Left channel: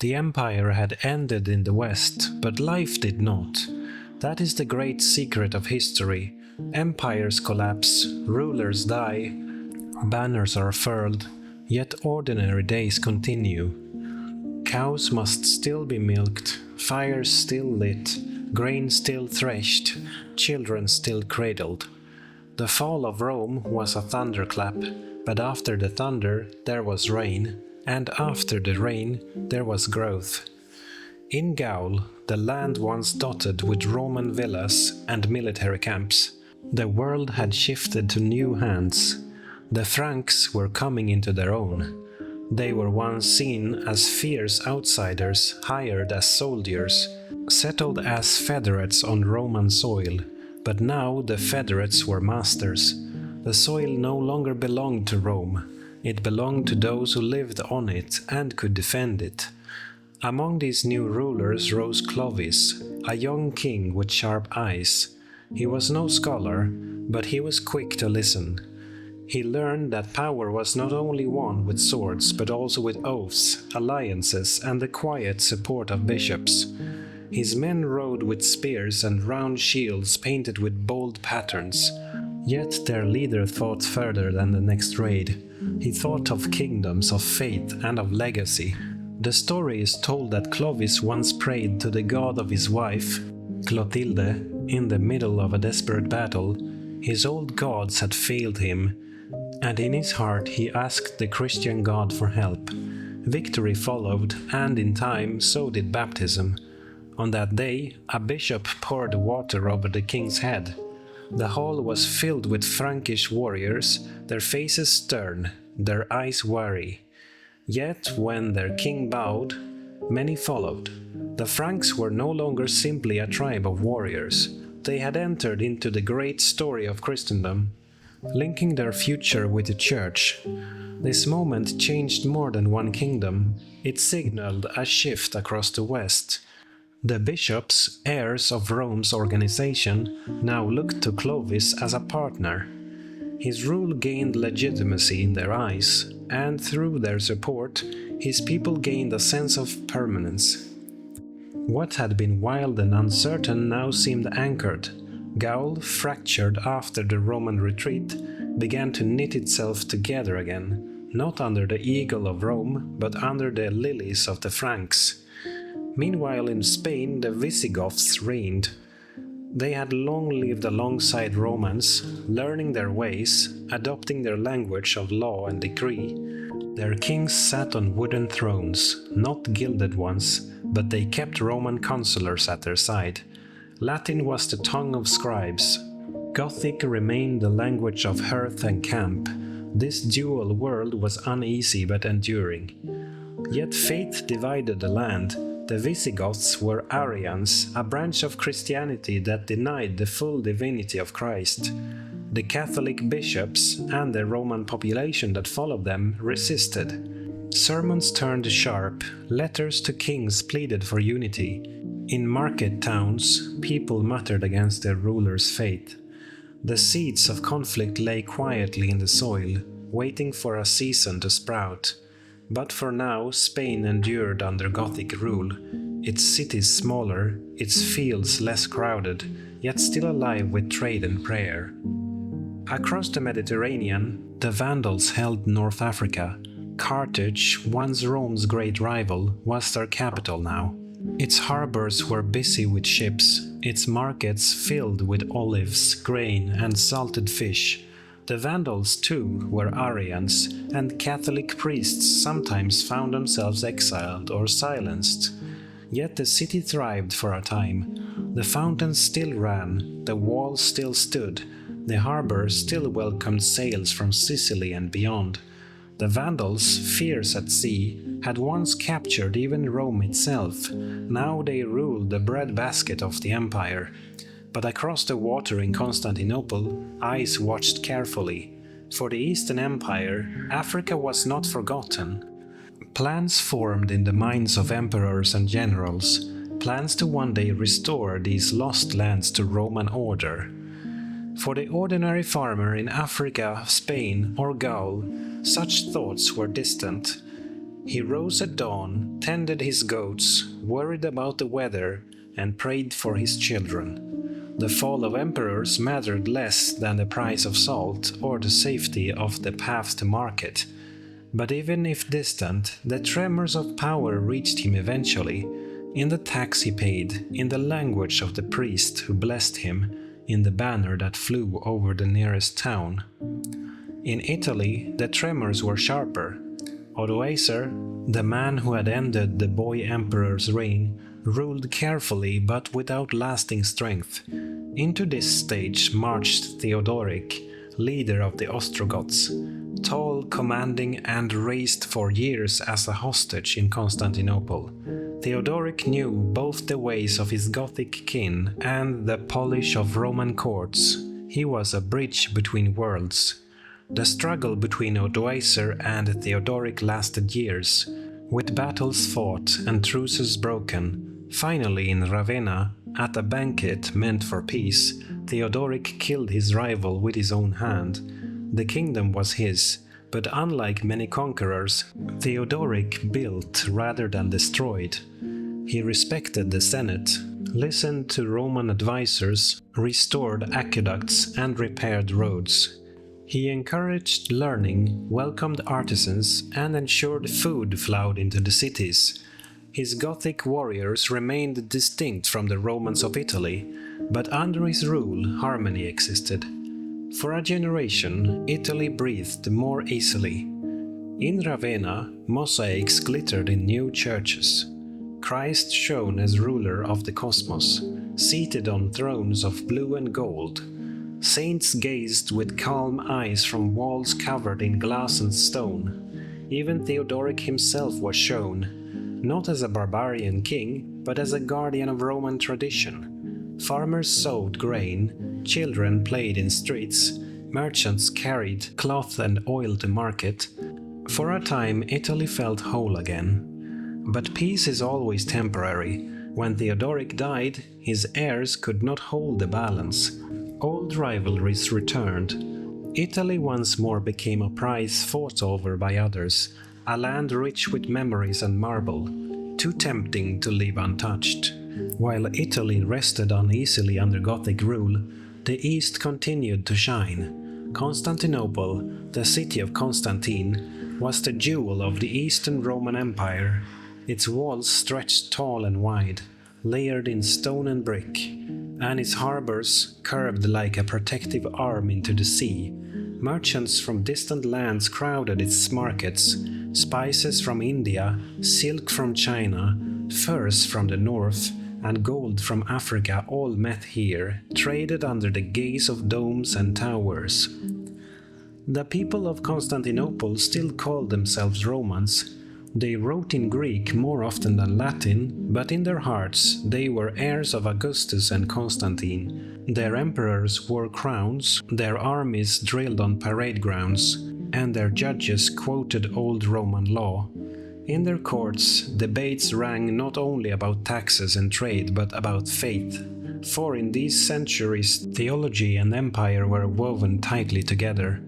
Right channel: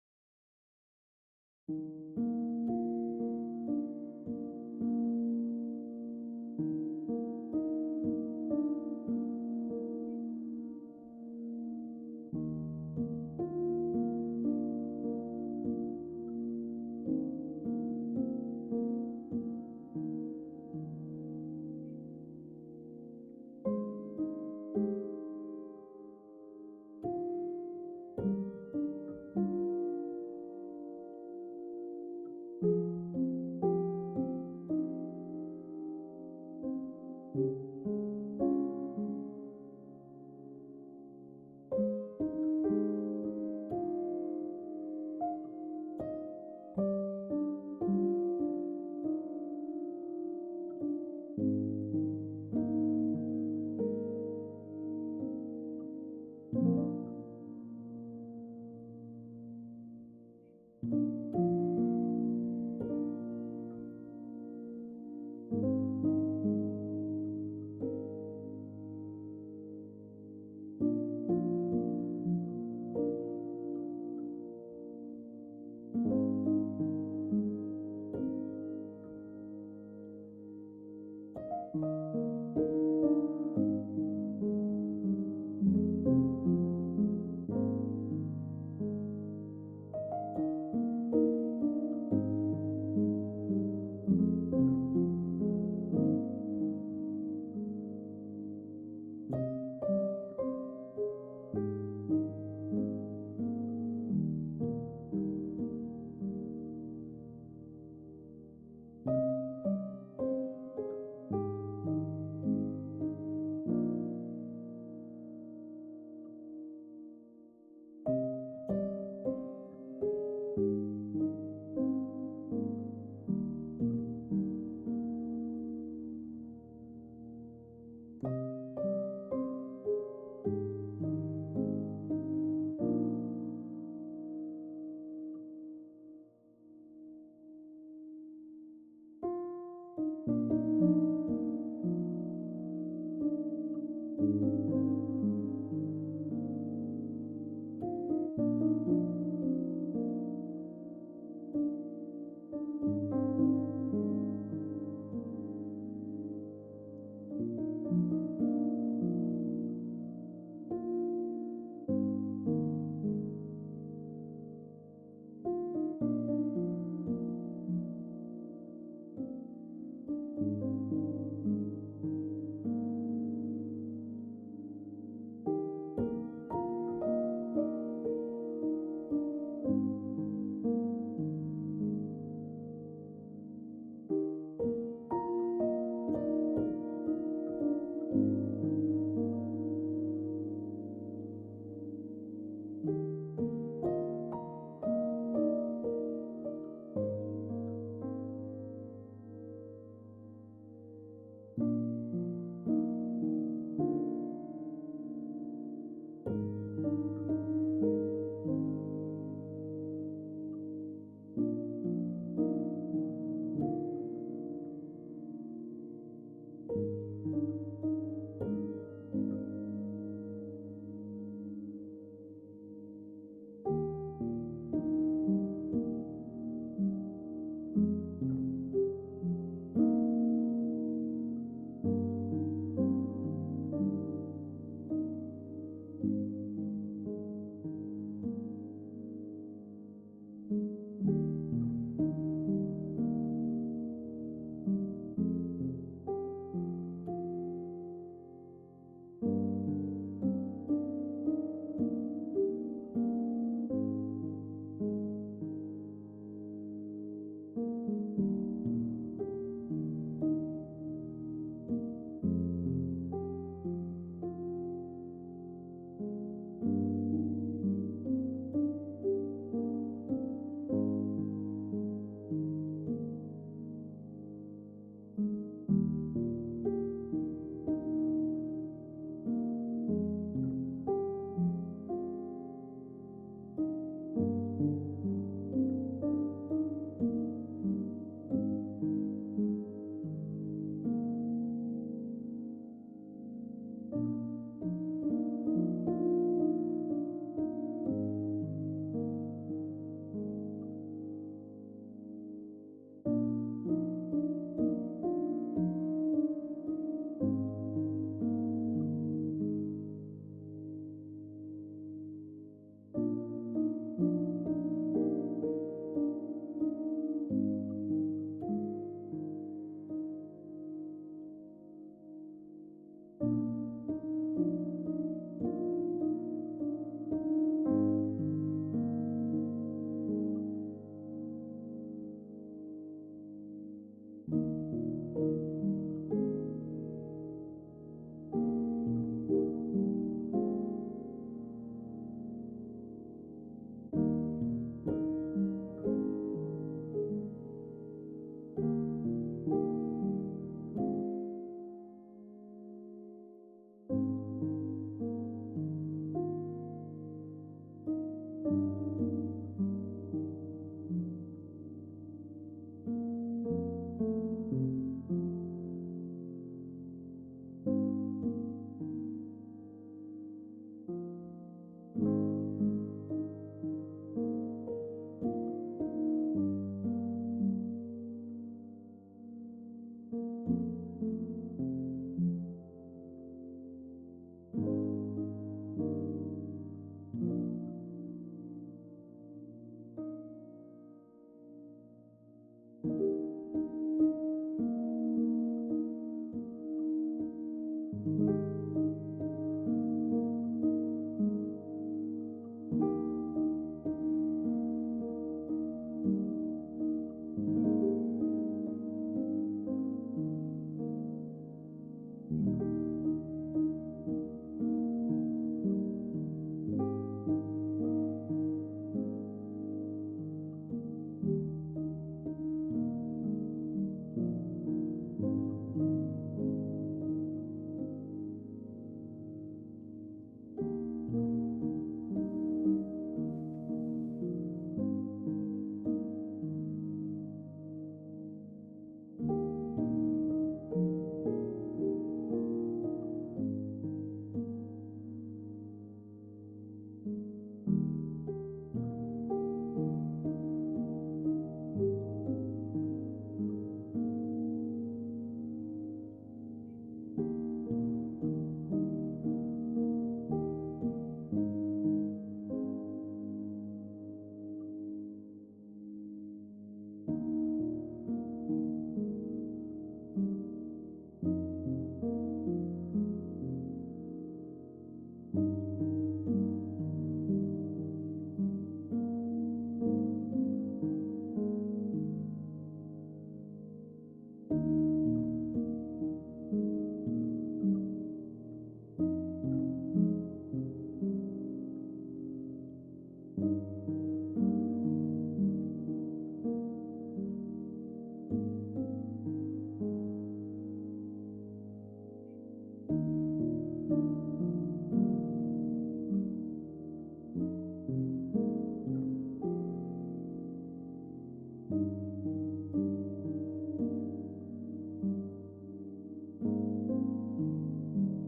The empire had ended in the West, but life did not. That is the great secret of history. Empires collapse, rulers die, banners are furled, yet ordinary days continue. Cows must still be milked, fires still lit, grain still threshed, children still cradled. The fall of Rome was a thunderclap, but after the thunder there was rain, and after the rain there was growth. In Gaul, the land once dotted with Roman villas and military camps, the world had shifted to new hands. The Franks were coming into their own. They were once seen as fierce outsiders hired as soldiers, settled as federates on Roman soil, but now the federates were masters. The soil no longer belonged to Rome. It belonged to those who lived on it and could defend it. Among these new rulers rose Clovis, a young king with sharp eyes. He was no scholar, but he was quick to listen. He learned that power was not only won with swords, but also with oaths, alliances, and the quiet support of bishops. His men rode with spears and round shields painted with bold patterns. Yet their leader thought further than the next raid. He thought of kingdoms, of faith, and of legacy. The story is told that Clovis once prayed to the god of his wife, Clotilde, in the middle of a desperate battle. His old gods had failed him, and in his heart he asked the Christian God for help. Victory followed, and in time so did baptism. On that day, a bishop poured water over the king's head. The hall was filled with Frankish warriors, their faces stern, their eyes wary. Yet when their king bowed, many followed. The Franks were no longer simply a tribe of warriors. They had entered into the great story of Christendom, linking their future with the Church. This moment changed more than one kingdom. It signaled a shift across the West. The bishops, heirs of Rome's organization, now looked to Clovis as a partner. His rule gained legitimacy in their eyes, and through their support, his people gained a sense of permanence. What had been wild and uncertain now seemed anchored. Gaul, fractured after the Roman retreat, began to knit itself together again, not under the eagle of Rome, but under the lilies of the Franks. Meanwhile in Spain the Visigoths reigned. They had long lived alongside Romans, learning their ways, adopting their language of law and decree. Their kings sat on wooden thrones, not gilded ones, but they kept Roman consulars at their side. Latin was the tongue of scribes. Gothic remained the language of hearth and camp. This dual world was uneasy but enduring. Yet faith divided the land. The Visigoths were Arians, a branch of Christianity that denied the full divinity of Christ. The Catholic bishops and the Roman population that followed them resisted. Sermons turned sharp, letters to kings pleaded for unity. In market towns, people muttered against their rulers' fate. The seeds of conflict lay quietly in the soil, waiting for a season to sprout. But for now, Spain endured under Gothic rule, its cities smaller, its fields less crowded, yet still alive with trade and prayer. Across the Mediterranean, the Vandals held North Africa. Carthage, once Rome's great rival, was their capital now. Its harbors were busy with ships, its markets filled with olives, grain, and salted fish. The Vandals, too, were Arians, and Catholic priests sometimes found themselves exiled or silenced. Yet the city thrived for a time. The fountains still ran, the walls still stood, the harbor still welcomed sails from Sicily and beyond. The Vandals, fierce at sea, had once captured even Rome itself. Now they ruled the breadbasket of the empire. But across the water in Constantinople, eyes watched carefully. For the Eastern Empire, Africa was not forgotten. Plans formed in the minds of emperors and generals, plans to one day restore these lost lands to Roman order. For the ordinary farmer in Africa, Spain, or Gaul, such thoughts were distant. He rose at dawn, tended his goats, worried about the weather, and prayed for his children. The fall of emperors mattered less than the price of salt or the safety of the path to market. But even if distant, the tremors of power reached him eventually, in the tax he paid, in the language of the priest who blessed him, in the banner that flew over the nearest town. In Italy, the tremors were sharper. Odoacer, the man who had ended the boy emperor's reign, ruled carefully but without lasting strength. Into this stage marched Theodoric, leader of the Ostrogoths, tall, commanding, and raised for years as a hostage in Constantinople. Theodoric knew both the ways of his Gothic kin and the polish of Roman courts. He was a bridge between worlds. The struggle between Odoacer and Theodoric lasted years, with battles fought and truces broken. Finally, in Ravenna, at a banquet meant for peace, Theodoric killed his rival with his own hand. The kingdom was his, but unlike many conquerors, Theodoric built rather than destroyed. He respected the Senate, listened to Roman advisors, restored aqueducts, and repaired roads. He encouraged learning, welcomed artisans, and ensured food flowed into the cities. His Gothic warriors remained distinct from the Romans of Italy, but under his rule harmony existed. For a generation, Italy breathed more easily. In Ravenna, mosaics glittered in new churches. Christ shone as ruler of the cosmos, seated on thrones of blue and gold. Saints gazed with calm eyes from walls covered in glass and stone. Even Theodoric himself was shown, not as a barbarian king, but as a guardian of Roman tradition. Farmers sowed grain, children played in streets, merchants carried cloth and oil to market. For a time, Italy felt whole again. But peace is always temporary. When Theodoric died, his heirs could not hold the balance. Old rivalries returned. Italy once more became a prize fought over by others, a land rich with memories and marble, too tempting to leave untouched. While Italy rested uneasily under Gothic rule, the East continued to shine. Constantinople, the city of Constantine, was the jewel of the Eastern Roman Empire. Its walls stretched tall and wide, layered in stone and brick, and its harbors curved like a protective arm into the sea. Merchants from distant lands crowded its markets. Spices from India, silk from China, furs from the north, and gold from Africa all met here, traded under the gaze of domes and towers. The people of Constantinople still called themselves Romans. They wrote in Greek more often than Latin, but in their hearts they were heirs of Augustus and Constantine. Their emperors wore crowns, their armies drilled on parade grounds, and their judges quoted old Roman law. In their courts, debates rang not only about taxes and trade, but about faith. For in these centuries, theology and empire were woven tightly together.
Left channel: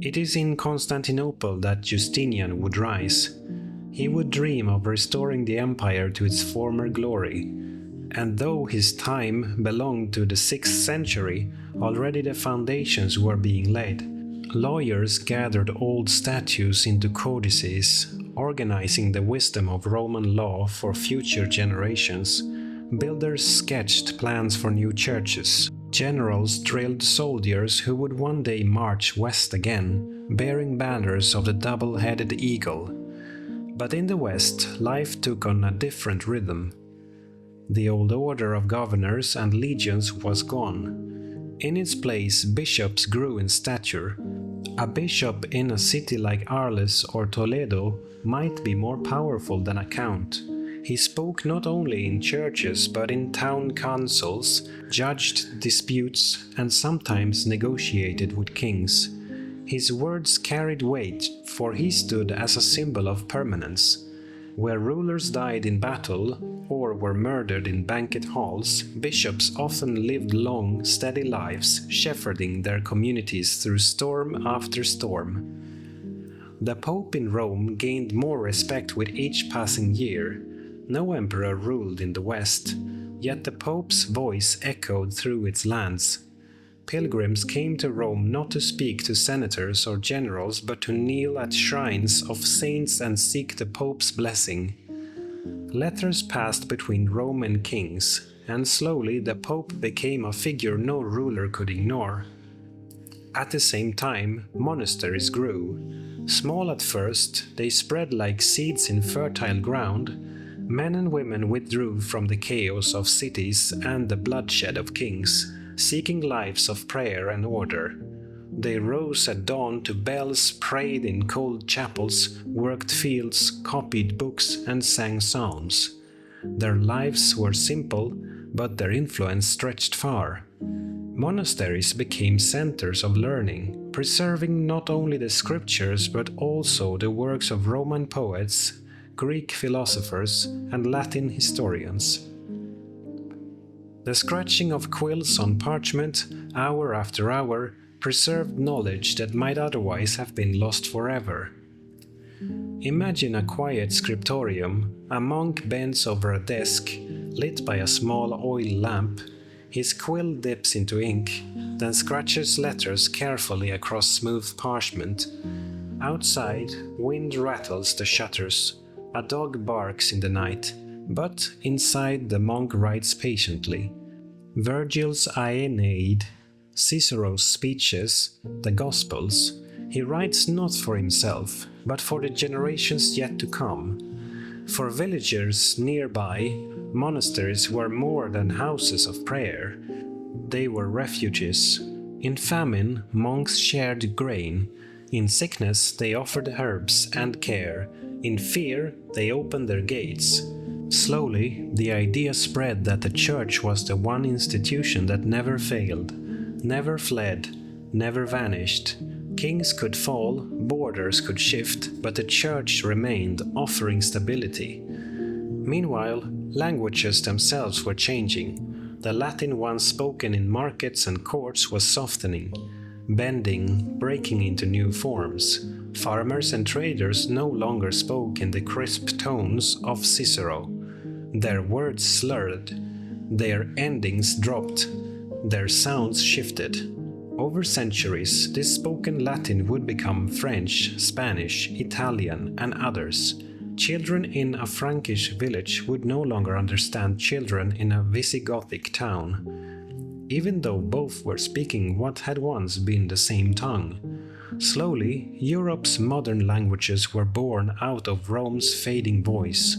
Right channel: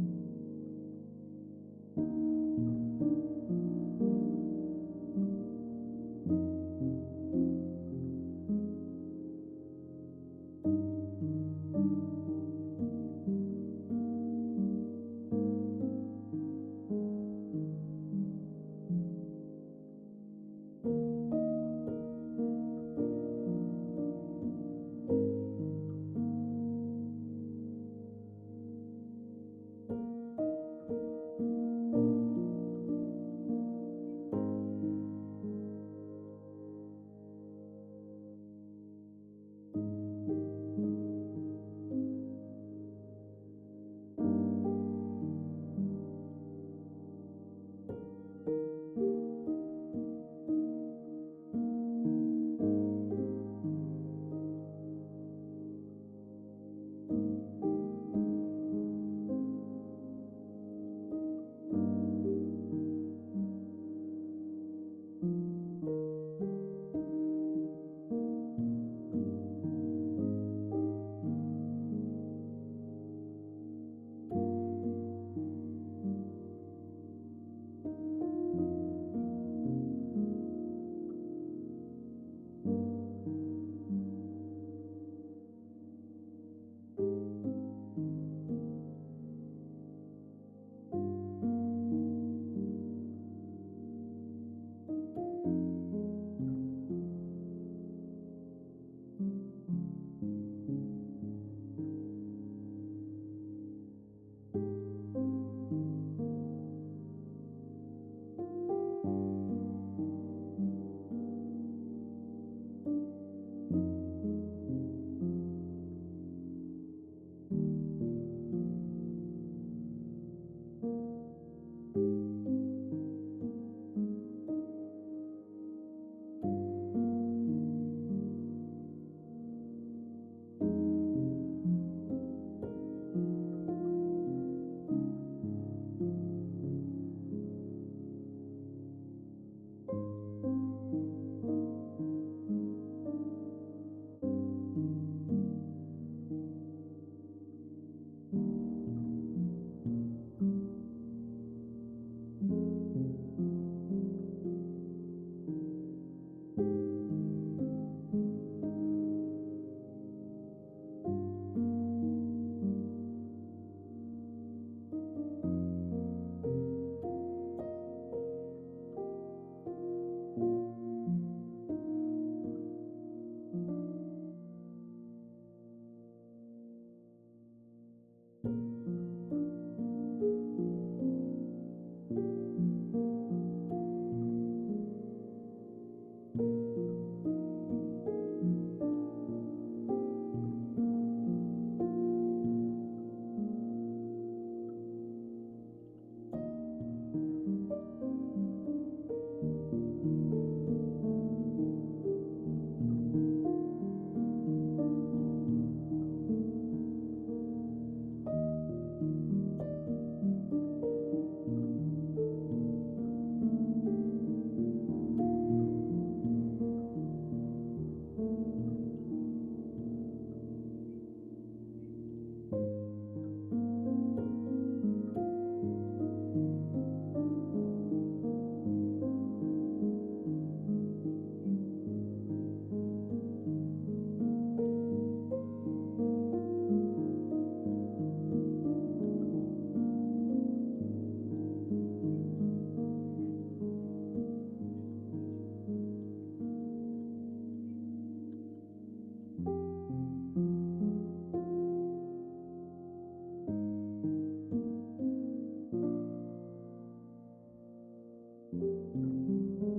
It is in Constantinople that Justinian would rise. He would dream of restoring the empire to its former glory. And though his time belonged to the 6th century, already the foundations were being laid. Lawyers gathered old statutes into codices, organizing the wisdom of Roman law for future generations. Builders sketched plans for new churches. Generals drilled soldiers who would one day march west again, bearing banners of the double-headed eagle. But in the West, life took on a different rhythm. The old order of governors and legions was gone. In its place, bishops grew in stature. A bishop in a city like Arles or Toledo might be more powerful than a count. He spoke not only in churches but in town councils, judged disputes, and sometimes negotiated with kings. His words carried weight, for he stood as a symbol of permanence. Where rulers died in battle or were murdered in banquet halls, bishops often lived long, steady lives, shepherding their communities through storm after storm. The Pope in Rome gained more respect with each passing year. No emperor ruled in the West, yet the Pope's voice echoed through its lands. Pilgrims came to Rome not to speak to senators or generals, but to kneel at shrines of saints and seek the Pope's blessing. Letters passed between Rome and kings, and slowly the Pope became a figure no ruler could ignore. At the same time, monasteries grew. Small at first, they spread like seeds in fertile ground. Men and women withdrew from the chaos of cities and the bloodshed of kings, seeking lives of prayer and order. They rose at dawn to bells, prayed in cold chapels, worked fields, copied books, and sang psalms. Their lives were simple, but their influence stretched far. Monasteries became centers of learning, preserving not only the scriptures but also the works of Roman poets, Greek philosophers, and Latin historians. The scratching of quills on parchment, hour after hour, preserved knowledge that might otherwise have been lost forever. Imagine a quiet scriptorium. A monk bends over a desk, lit by a small oil lamp. His quill dips into ink, then scratches letters carefully across smooth parchment. Outside, wind rattles the shutters. A dog barks in the night, but inside the monk writes patiently. Virgil's Aeneid, Cicero's speeches, the Gospels. He writes not for himself, but for the generations yet to come. For villagers nearby, monasteries were more than houses of prayer. They were refuges. In famine, monks shared grain. In sickness, they offered herbs and care. In fear, they opened their gates. Slowly, the idea spread that the church was the one institution that never failed, never fled, never vanished. Kings could fall, borders could shift, but the church remained, offering stability. Meanwhile, languages themselves were changing. The Latin once spoken in markets and courts was softening, bending, breaking into new forms. Farmers and traders no longer spoke in the crisp tones of Cicero. Their words slurred, their endings dropped, their sounds shifted. Over centuries, this spoken Latin would become French, Spanish, Italian, and others. Children in a Frankish village would no longer understand children in a Visigothic town, even though both were speaking what had once been the same tongue. Slowly, Europe's modern languages were born out of Rome's fading voice.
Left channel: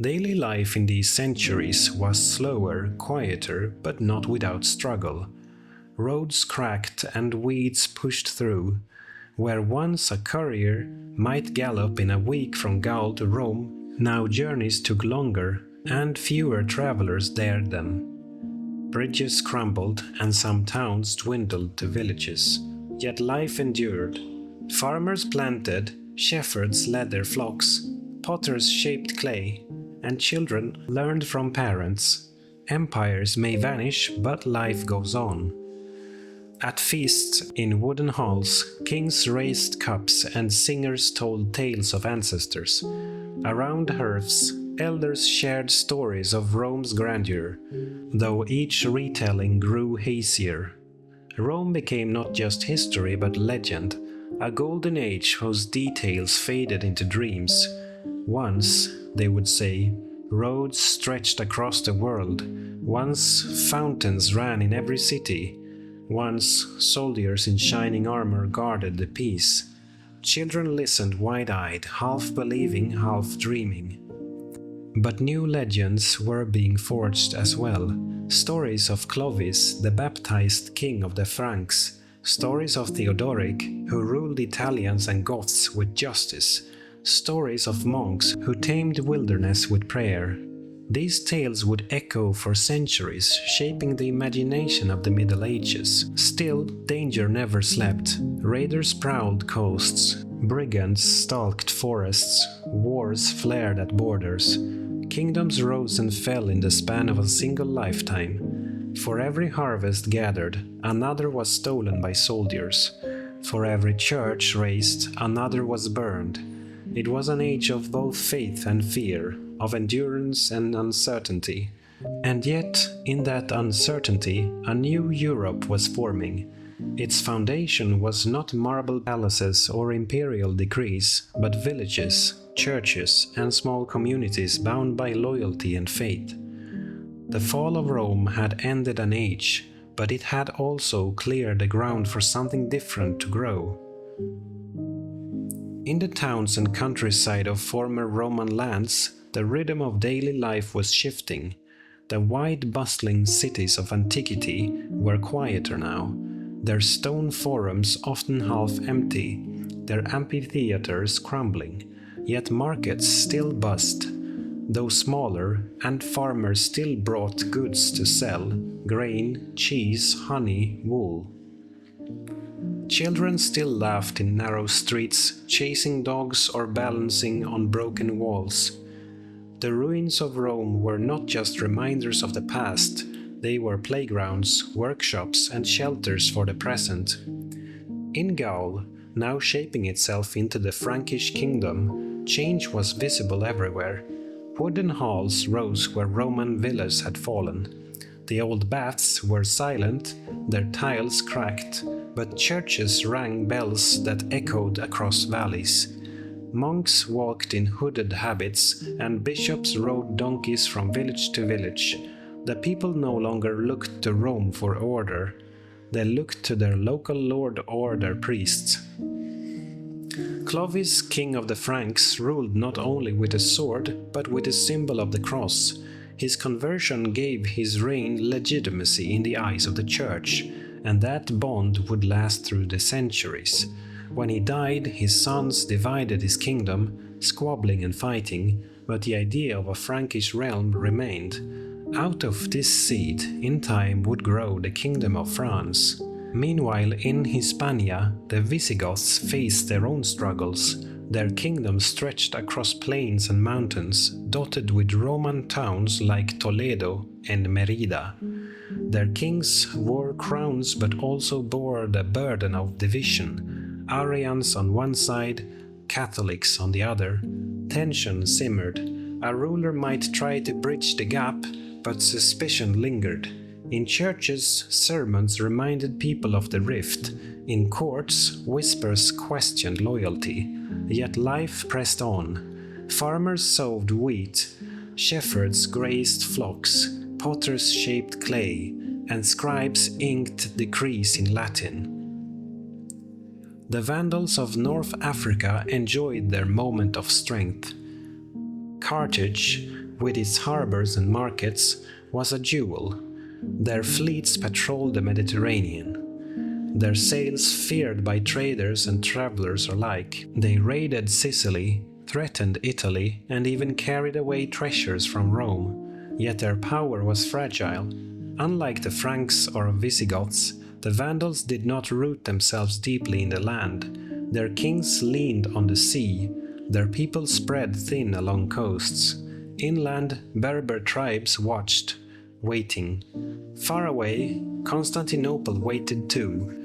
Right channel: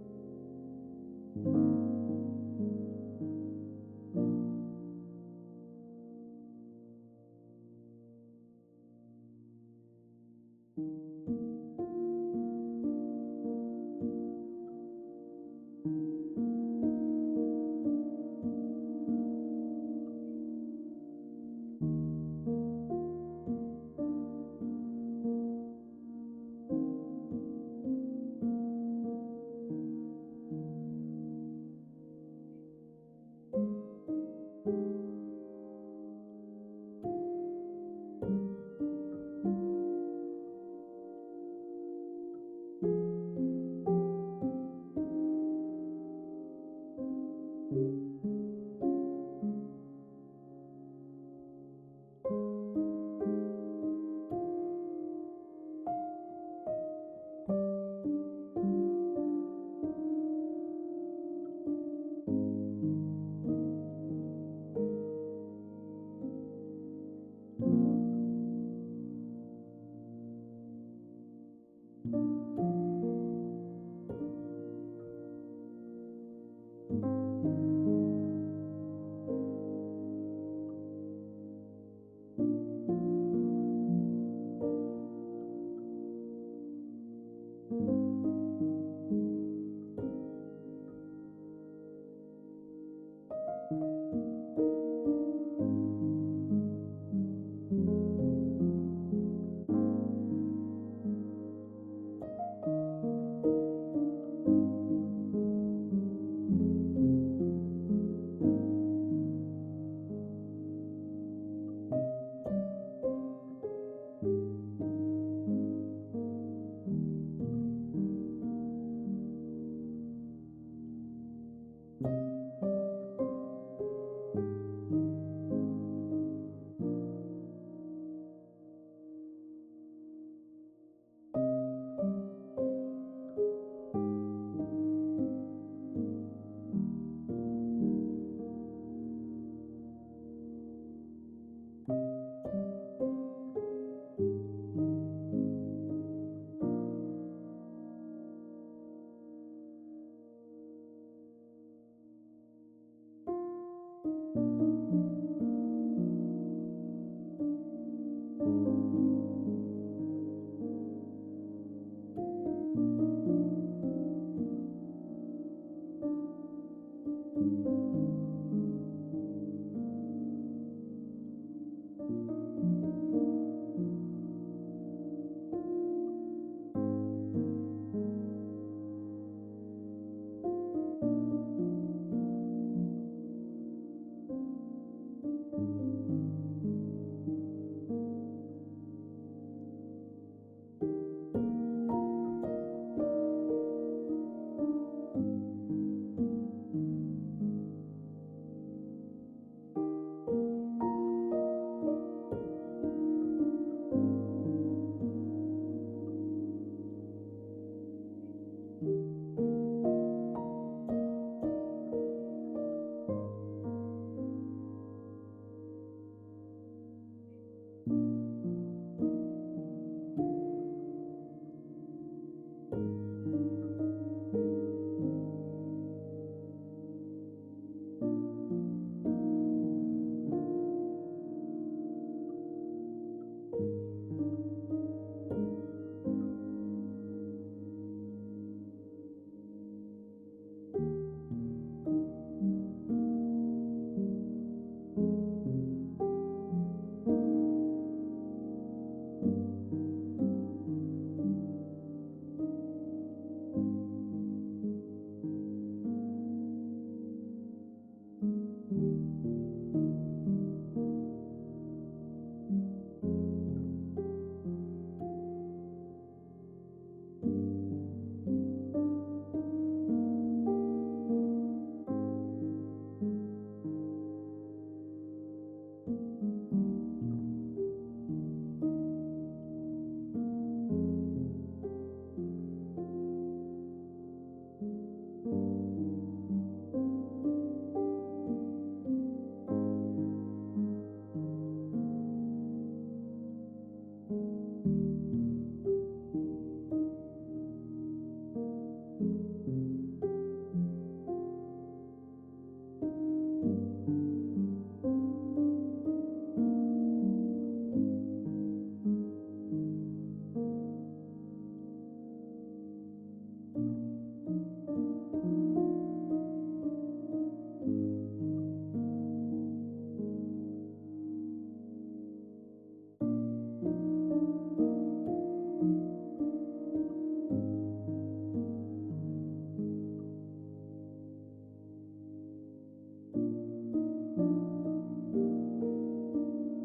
Daily life in these centuries was slower, quieter, but not without struggle. Roads cracked and weeds pushed through. Where once a courier might gallop in a week from Gaul to Rome, now journeys took longer and fewer travelers dared them. Bridges crumbled and some towns dwindled to villages. Yet life endured. Farmers planted, shepherds led their flocks, potters shaped clay, and children learned from parents. Empires may vanish, but life goes on. At feasts in wooden halls, kings raised cups and singers told tales of ancestors. Around hearths, elders shared stories of Rome's grandeur, though each retelling grew hazier. Rome became not just history but legend, a golden age whose details faded into dreams. Once, they would say, roads stretched across the world. Once, fountains ran in every city. Once, soldiers in shining armor guarded the peace. Children listened wide-eyed, half believing, half dreaming. But new legends were being forged as well. Stories of Clovis, the baptized king of the Franks. Stories of Theodoric, who ruled Italians and Goths with justice. Stories of monks who tamed wilderness with prayer. These tales would echo for centuries, shaping the imagination of the Middle Ages. Still, danger never slept. Raiders prowled coasts, brigands stalked forests, wars flared at borders. Kingdoms rose and fell in the span of a single lifetime. For every harvest gathered, another was stolen by soldiers. For every church raised, another was burned. It was an age of both faith and fear, of endurance and uncertainty. And yet, in that uncertainty, a new Europe was forming. Its foundation was not marble palaces or imperial decrees, but villages, churches, and small communities bound by loyalty and faith. The fall of Rome had ended an age, but it had also cleared the ground for something different to grow. In the towns and countryside of former Roman lands, the rhythm of daily life was shifting. The wide, bustling cities of antiquity were quieter now, their stone forums often half empty, their amphitheaters crumbling, yet markets still buzzed, though smaller, and farmers still brought goods to sell: grain, cheese, honey, wool. Children still laughed in narrow streets, chasing dogs or balancing on broken walls. The ruins of Rome were not just reminders of the past, they were playgrounds, workshops, and shelters for the present. In Gaul, now shaping itself into the Frankish kingdom, change was visible everywhere. Wooden halls rose where Roman villas had fallen. The old baths were silent, their tiles cracked, but churches rang bells that echoed across valleys. Monks walked in hooded habits, and bishops rode donkeys from village to village. The people no longer looked to Rome for order. They looked to their local lord or their priests. Clovis, king of the Franks, ruled not only with a sword, but with the symbol of the cross. His conversion gave his reign legitimacy in the eyes of the church, and that bond would last through the centuries. When he died, his sons divided his kingdom, squabbling and fighting, but the idea of a Frankish realm remained. Out of this seed, in time, would grow the kingdom of France. Meanwhile, in Hispania, the Visigoths faced their own struggles. Their kingdom stretched across plains and mountains, dotted with Roman towns like Toledo and Merida. Their kings wore crowns but also bore the burden of division. Arians on one side, Catholics on the other. Tension simmered. A ruler might try to bridge the gap, but suspicion lingered. In churches, sermons reminded people of the rift. In courts, whispers questioned loyalty. Yet life pressed on. Farmers sowed wheat, shepherds grazed flocks, potters shaped clay, and scribes inked decrees in Latin. The Vandals of North Africa enjoyed their moment of strength. Carthage, with its harbors and markets, was a jewel. Their fleets patrolled the Mediterranean. Their sails feared by traders and travelers alike. They raided Sicily, threatened Italy, and even carried away treasures from Rome. Yet their power was fragile. Unlike the Franks or Visigoths, the Vandals did not root themselves deeply in the land. Their kings leaned on the sea. Their people spread thin along coasts. Inland, Berber tribes watched, waiting. Far away, Constantinople waited too.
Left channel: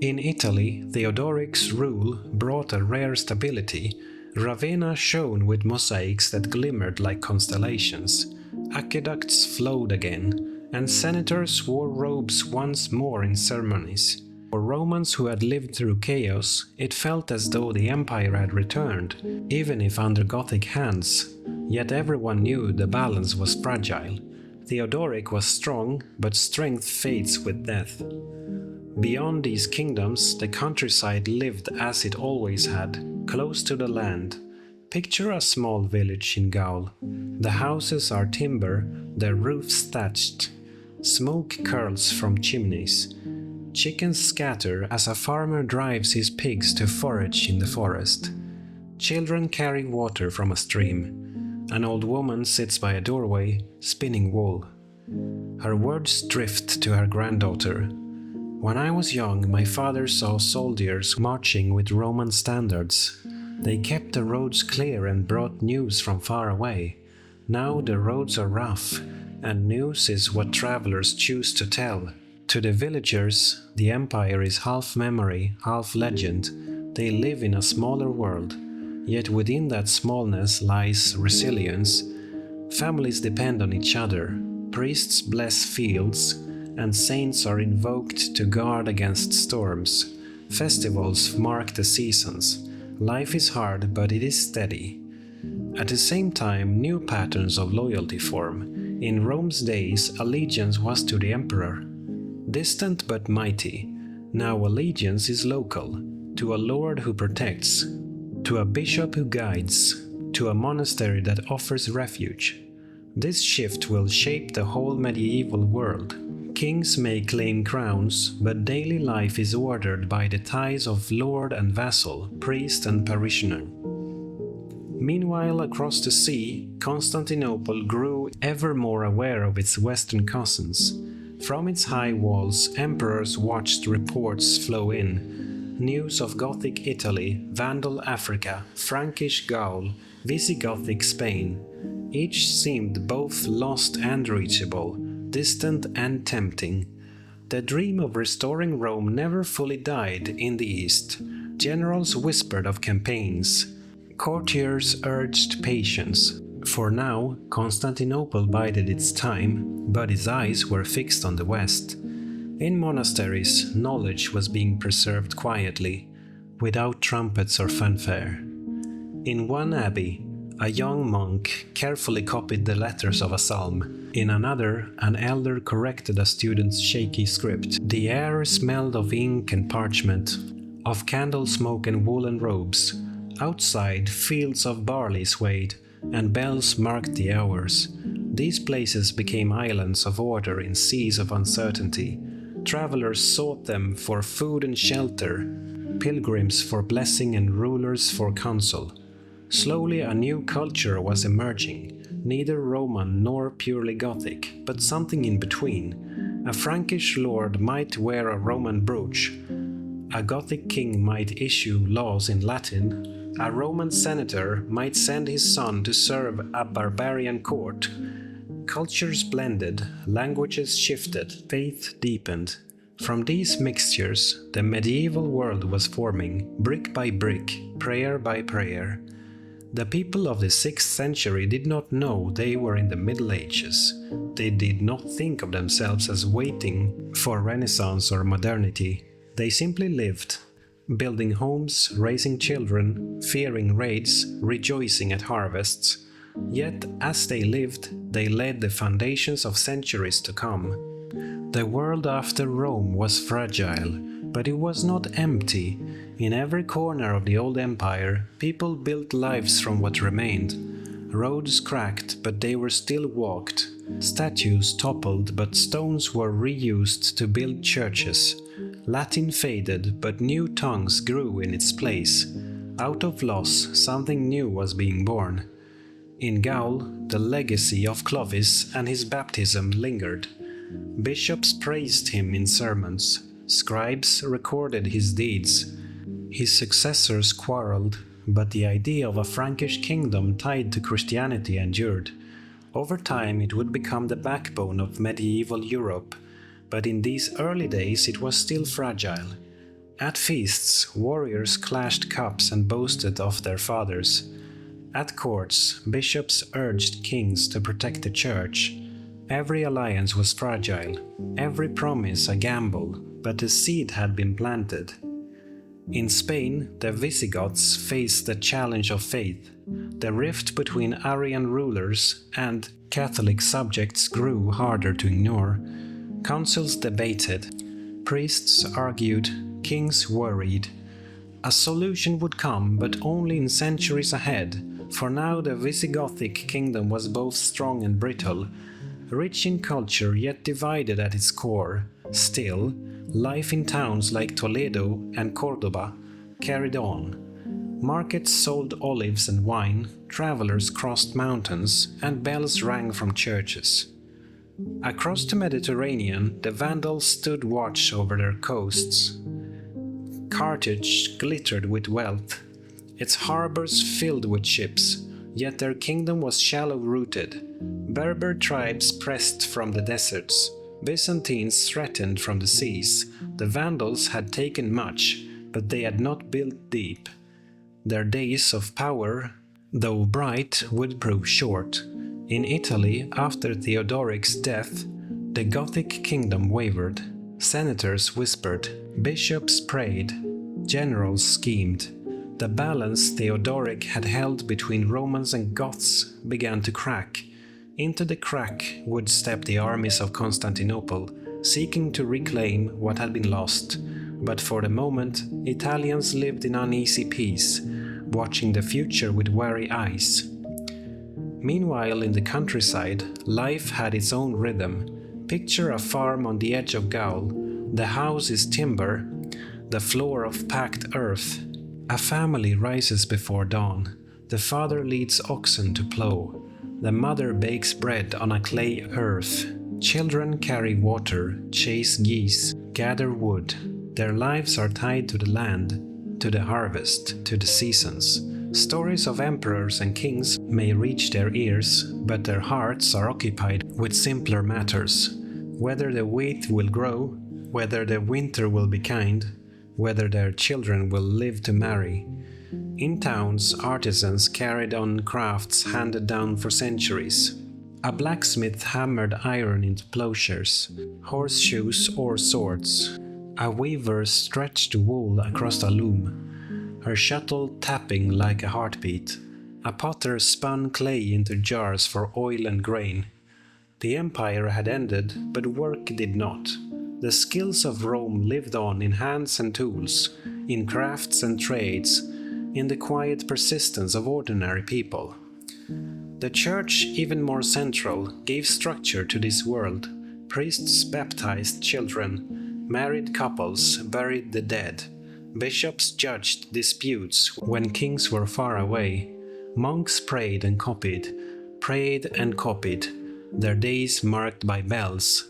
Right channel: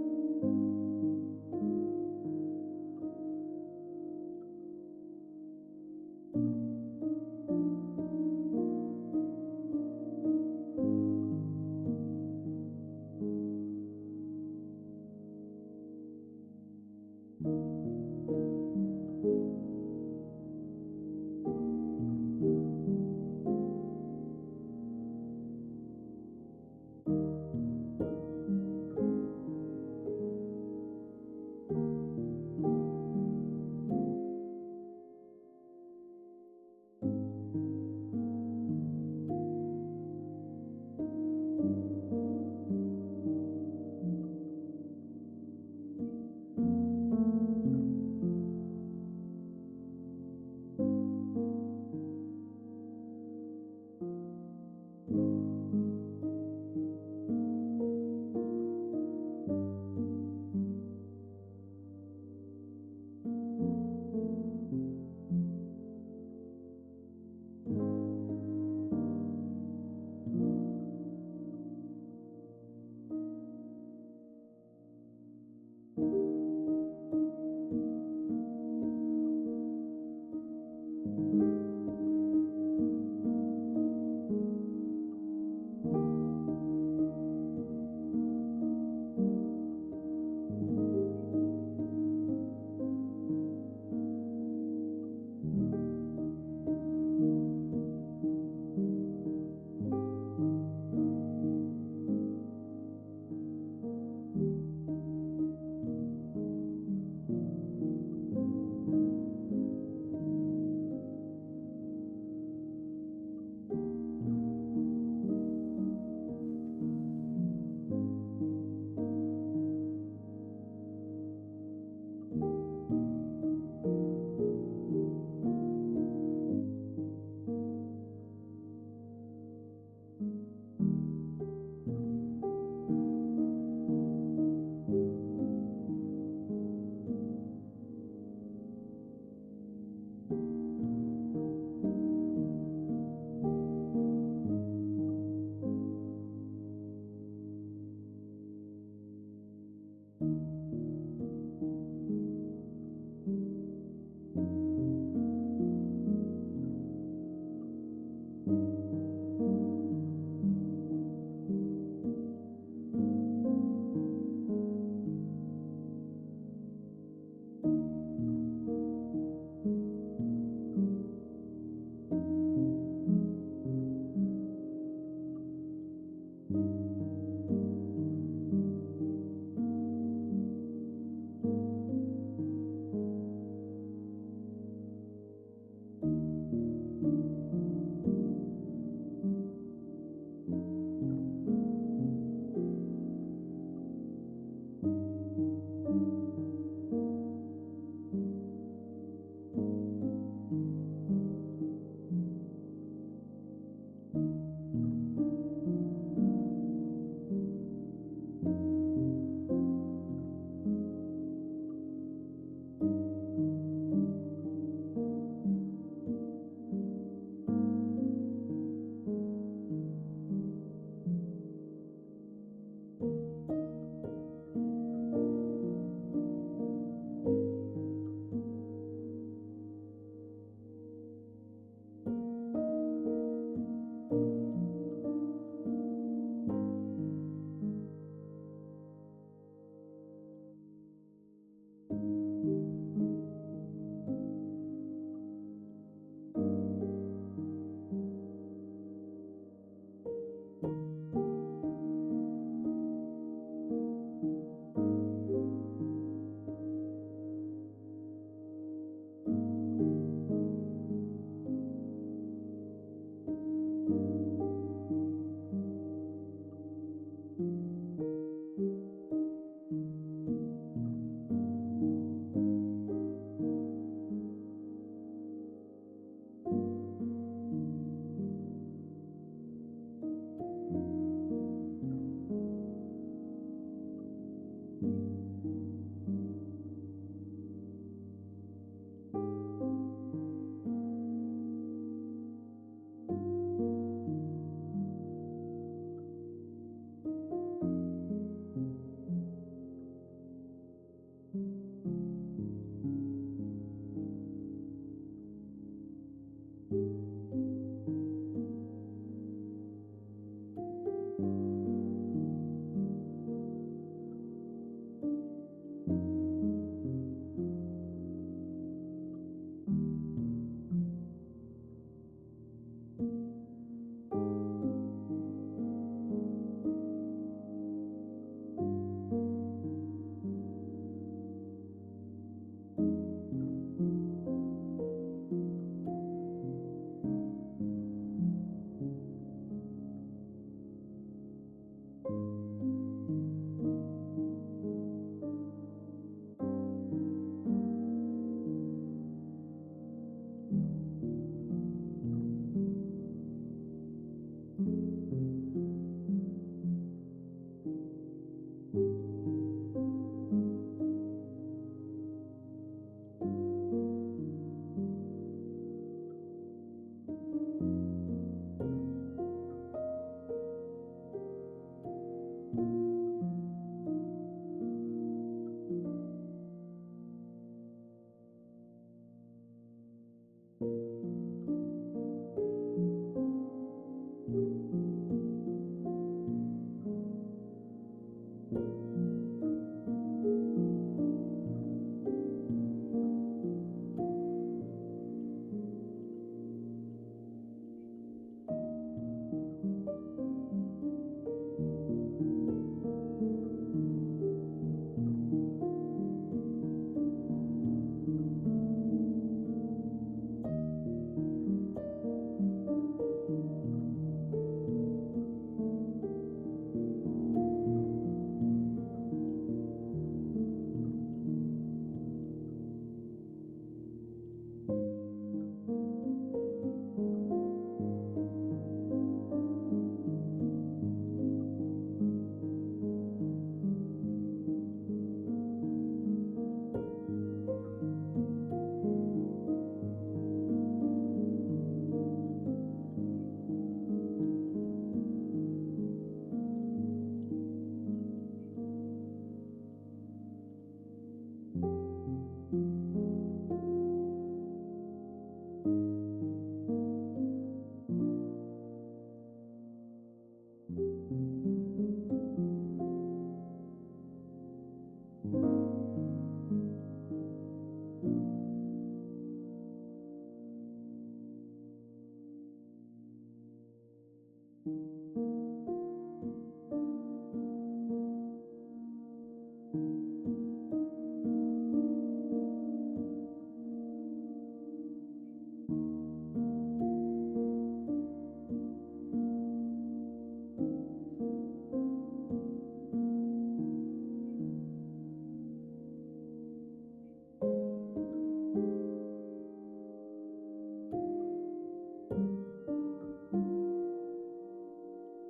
In Italy, Theodoric's rule brought a rare stability. Ravenna shone with mosaics that glimmered like constellations. Aqueducts flowed again, and senators wore robes once more in ceremonies. For Romans who had lived through chaos, it felt as though the empire had returned, even if under Gothic hands. Yet everyone knew the balance was fragile. Theodoric was strong, but strength fades with death. Beyond these kingdoms, the countryside lived as it always had, close to the land. Picture a small village in Gaul. The houses are timber, their roofs thatched. Smoke curls from chimneys. Chickens scatter as a farmer drives his pigs to forage in the forest. Children carry water from a stream. An old woman sits by a doorway, spinning wool. Her words drift to her granddaughter. When I was young, my father saw soldiers marching with Roman standards. They kept the roads clear and brought news from far away. Now the roads are rough, and news is what travelers choose to tell. To the villagers, the empire is half memory, half legend. They live in a smaller world, yet within that smallness lies resilience. Families depend on each other, priests bless fields, and saints are invoked to guard against storms. Festivals mark the seasons. Life is hard, but it is steady. At the same time, new patterns of loyalty form. In Rome's days, allegiance was to the emperor, distant but mighty. Now allegiance is local, to a lord who protects, to a bishop who guides, to a monastery that offers refuge. This shift will shape the whole medieval world. Kings may claim crowns, but daily life is ordered by the ties of lord and vassal, priest and parishioner. Meanwhile, across the sea, Constantinople grew ever more aware of its western cousins. From its high walls, emperors watched reports flow in. News of Gothic Italy, Vandal Africa, Frankish Gaul, Visigothic Spain. Each seemed both lost and reachable, distant and tempting. The dream of restoring Rome never fully died in the East. Generals whispered of campaigns. Courtiers urged patience. For now, Constantinople bided its time, but its eyes were fixed on the West. In monasteries, knowledge was being preserved quietly, without trumpets or fanfare. In one abbey, a young monk carefully copied the letters of a psalm. In another, an elder corrected a student's shaky script. The air smelled of ink and parchment, of candle smoke and woolen robes. Outside, fields of barley swayed, and bells marked the hours. These places became islands of order in seas of uncertainty. Travelers sought them for food and shelter, pilgrims for blessing and rulers for counsel. Slowly a new culture was emerging, neither Roman nor purely Gothic, but something in between. A Frankish lord might wear a Roman brooch. A Gothic king might issue laws in Latin. A Roman senator might send his son to serve a barbarian court. Cultures blended, languages shifted, faith deepened. From these mixtures, the medieval world was forming, brick by brick, prayer by prayer. The people of the 6th century did not know they were in the Middle Ages. They did not think of themselves as waiting for Renaissance or modernity. They simply lived, building homes, raising children, fearing raids, rejoicing at harvests. Yet, as they lived, they laid the foundations of centuries to come. The world after Rome was fragile, but it was not empty. In every corner of the old empire, people built lives from what remained. Roads cracked, but they were still walked. Statues toppled, but stones were reused to build churches. Latin faded, but new tongues grew in its place. Out of loss, something new was being born. In Gaul, the legacy of Clovis and his baptism lingered. Bishops praised him in sermons. Scribes recorded his deeds. His successors quarreled, but the idea of a Frankish kingdom tied to Christianity endured. Over time, it would become the backbone of medieval Europe, but in these early days it was still fragile. At feasts, warriors clashed cups and boasted of their fathers. At courts, bishops urged kings to protect the church. Every alliance was fragile, every promise a gamble, but the seed had been planted. In Spain, the Visigoths faced the challenge of faith. The rift between Arian rulers and Catholic subjects grew harder to ignore. Councils debated, priests argued, kings worried. A solution would come, but only in centuries ahead. For now, the Visigothic kingdom was both strong and brittle, rich in culture yet divided at its core. Still, life in towns like Toledo and Cordoba carried on. Markets sold olives and wine, travelers crossed mountains, and bells rang from churches. Across the Mediterranean, the Vandals stood watch over their coasts. Carthage glittered with wealth, its harbors filled with ships, yet their kingdom was shallow-rooted. Berber tribes pressed from the deserts. Byzantines threatened from the seas. The Vandals had taken much, but they had not built deep. Their days of power, though bright, would prove short. In Italy, after Theodoric's death, the Gothic kingdom wavered. Senators whispered, bishops prayed, generals schemed. The balance Theodoric had held between Romans and Goths began to crack. Into the crack would step the armies of Constantinople, seeking to reclaim what had been lost. But for the moment, Italians lived in uneasy peace, watching the future with wary eyes. Meanwhile, in the countryside, life had its own rhythm. Picture a farm on the edge of Gaul. The house is timber, the floor of packed earth. A family rises before dawn. The father leads oxen to plow. The mother bakes bread on a clay hearth. Children carry water, chase geese, gather wood. Their lives are tied to the land, to the harvest, to the seasons. Stories of emperors and kings may reach their ears, but their hearts are occupied with simpler matters. Whether the wheat will grow, whether the winter will be kind, whether their children will live to marry. In towns, artisans carried on crafts handed down for centuries. A blacksmith hammered iron into plowshares, horseshoes or swords. A weaver stretched wool across a loom, her shuttle tapping like a heartbeat. A potter spun clay into jars for oil and grain. The empire had ended, but work did not. The skills of Rome lived on in hands and tools, in crafts and trades, in the quiet persistence of ordinary people. The church, even more central, gave structure to this world. Priests baptized children, married couples buried the dead. Bishops judged disputes when kings were far away. Monks prayed and copied, their days marked by bells.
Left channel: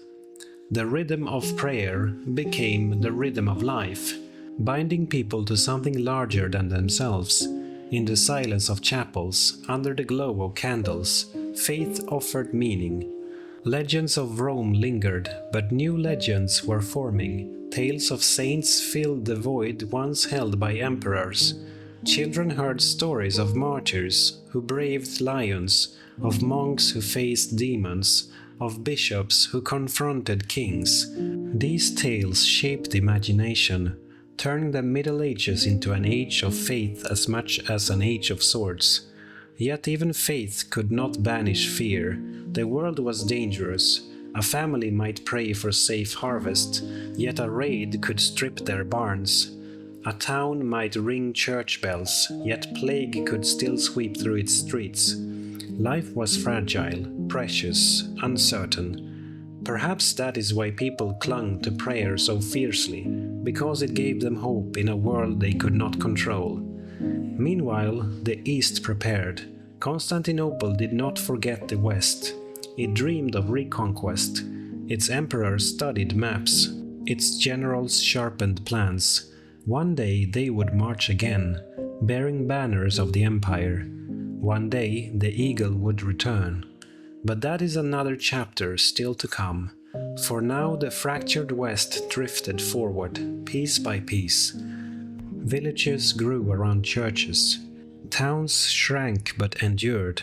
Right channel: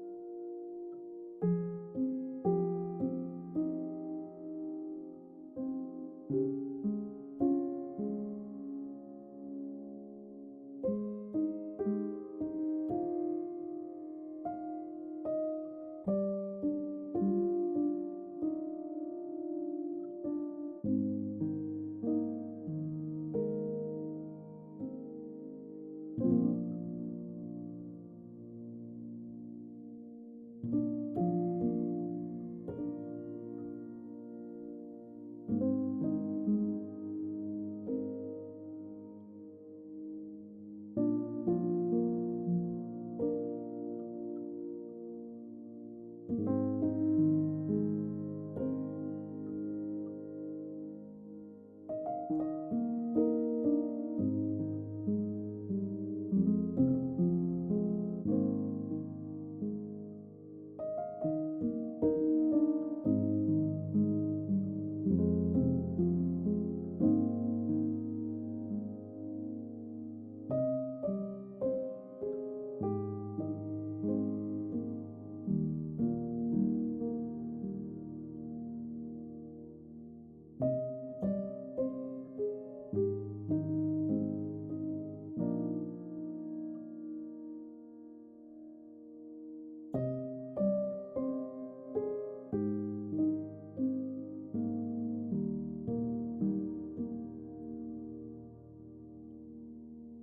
The rhythm of prayer became the rhythm of life, binding people to something larger than themselves. In the silence of chapels, under the glow of candles, faith offered meaning. Legends of Rome lingered, but new legends were forming. Tales of saints filled the void once held by emperors. Children heard stories of martyrs who braved lions, of monks who faced demons, of bishops who confronted kings. These tales shaped imagination, turning the Middle Ages into an age of faith as much as an age of swords. Yet even faith could not banish fear. The world was dangerous. A family might pray for safe harvest, yet a raid could strip their barns. A town might ring church bells, yet plague could still sweep through its streets. Life was fragile, precious, uncertain. Perhaps that is why people clung to prayer so fiercely, because it gave them hope in a world they could not control. Meanwhile, the East prepared. Constantinople did not forget the West. It dreamed of reconquest. Its emperors studied maps. Its generals sharpened plans. One day they would march again, bearing banners of the empire. One day the eagle would return. But that is another chapter still to come. For now the fractured West drifted forward, piece by piece. Villages grew around churches. Towns shrank but endured.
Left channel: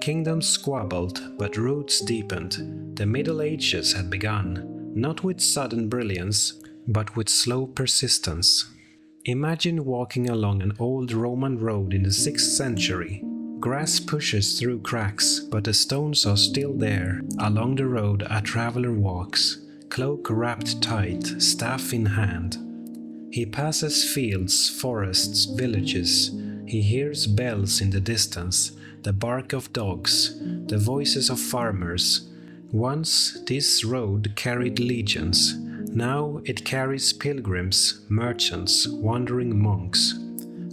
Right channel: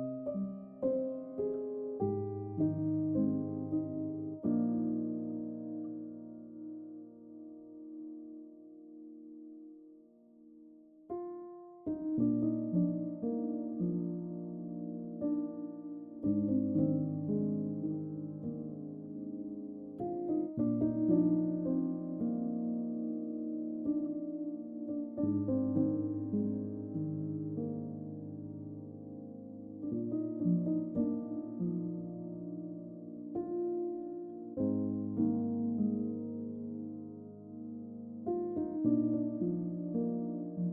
Kingdoms squabbled, but roots deepened. The Middle Ages had begun, not with sudden brilliance, but with slow persistence. Imagine walking along an old Roman road in the 6th century. Grass pushes through cracks, but the stones are still there. Along the road a traveler walks, cloak wrapped tight, staff in hand. He passes fields, forests, villages. He hears bells in the distance, the bark of dogs, the voices of farmers. Once this road carried legions. Now it carries pilgrims, merchants, wandering monks.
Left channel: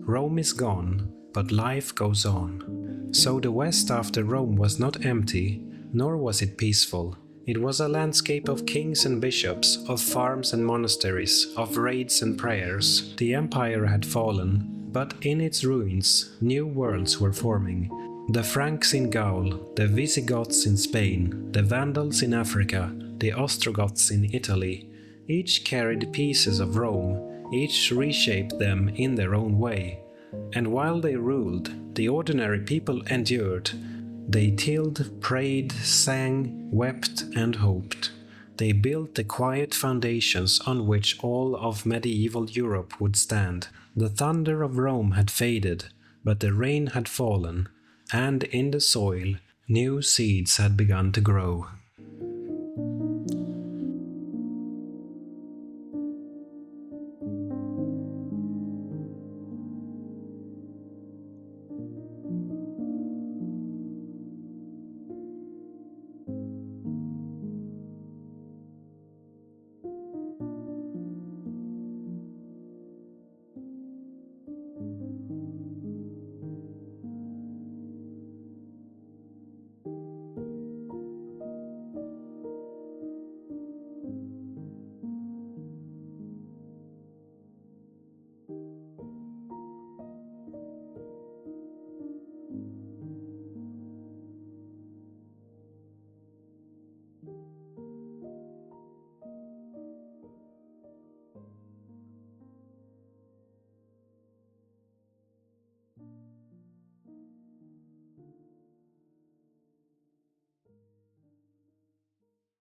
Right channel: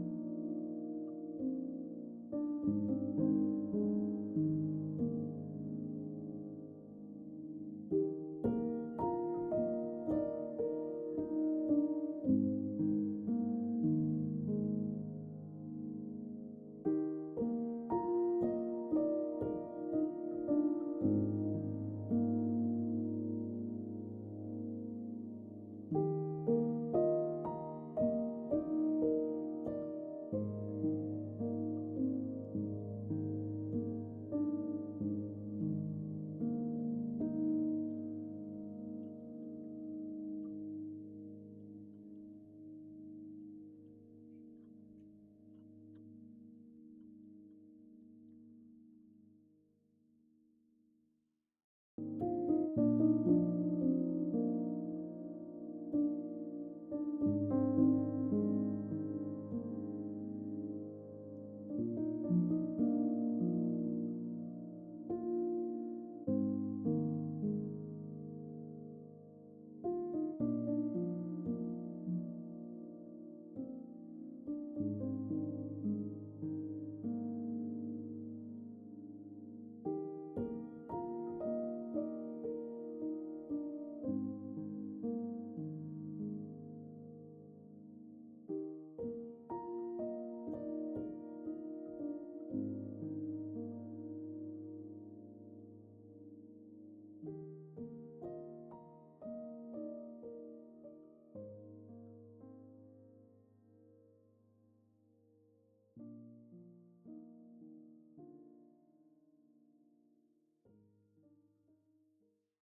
Rome is gone, but life goes on. So the West after Rome was not empty, nor was it peaceful. It was a landscape of kings and bishops, of farms and monasteries, of raids and prayers. The empire had fallen, but in its ruins, new worlds were forming. The Franks in Gaul, the Visigoths in Spain, the Vandals in Africa, the Ostrogoths in Italy, each carried pieces of Rome, each reshaped them in their own way. And while they ruled, the ordinary people endured. They tilled, prayed, sang, wept, and hoped. They built the quiet foundations on which all of medieval Europe would stand. The thunder of Rome had faded, but the rain had fallen, and in the soil new seeds had begun to grow.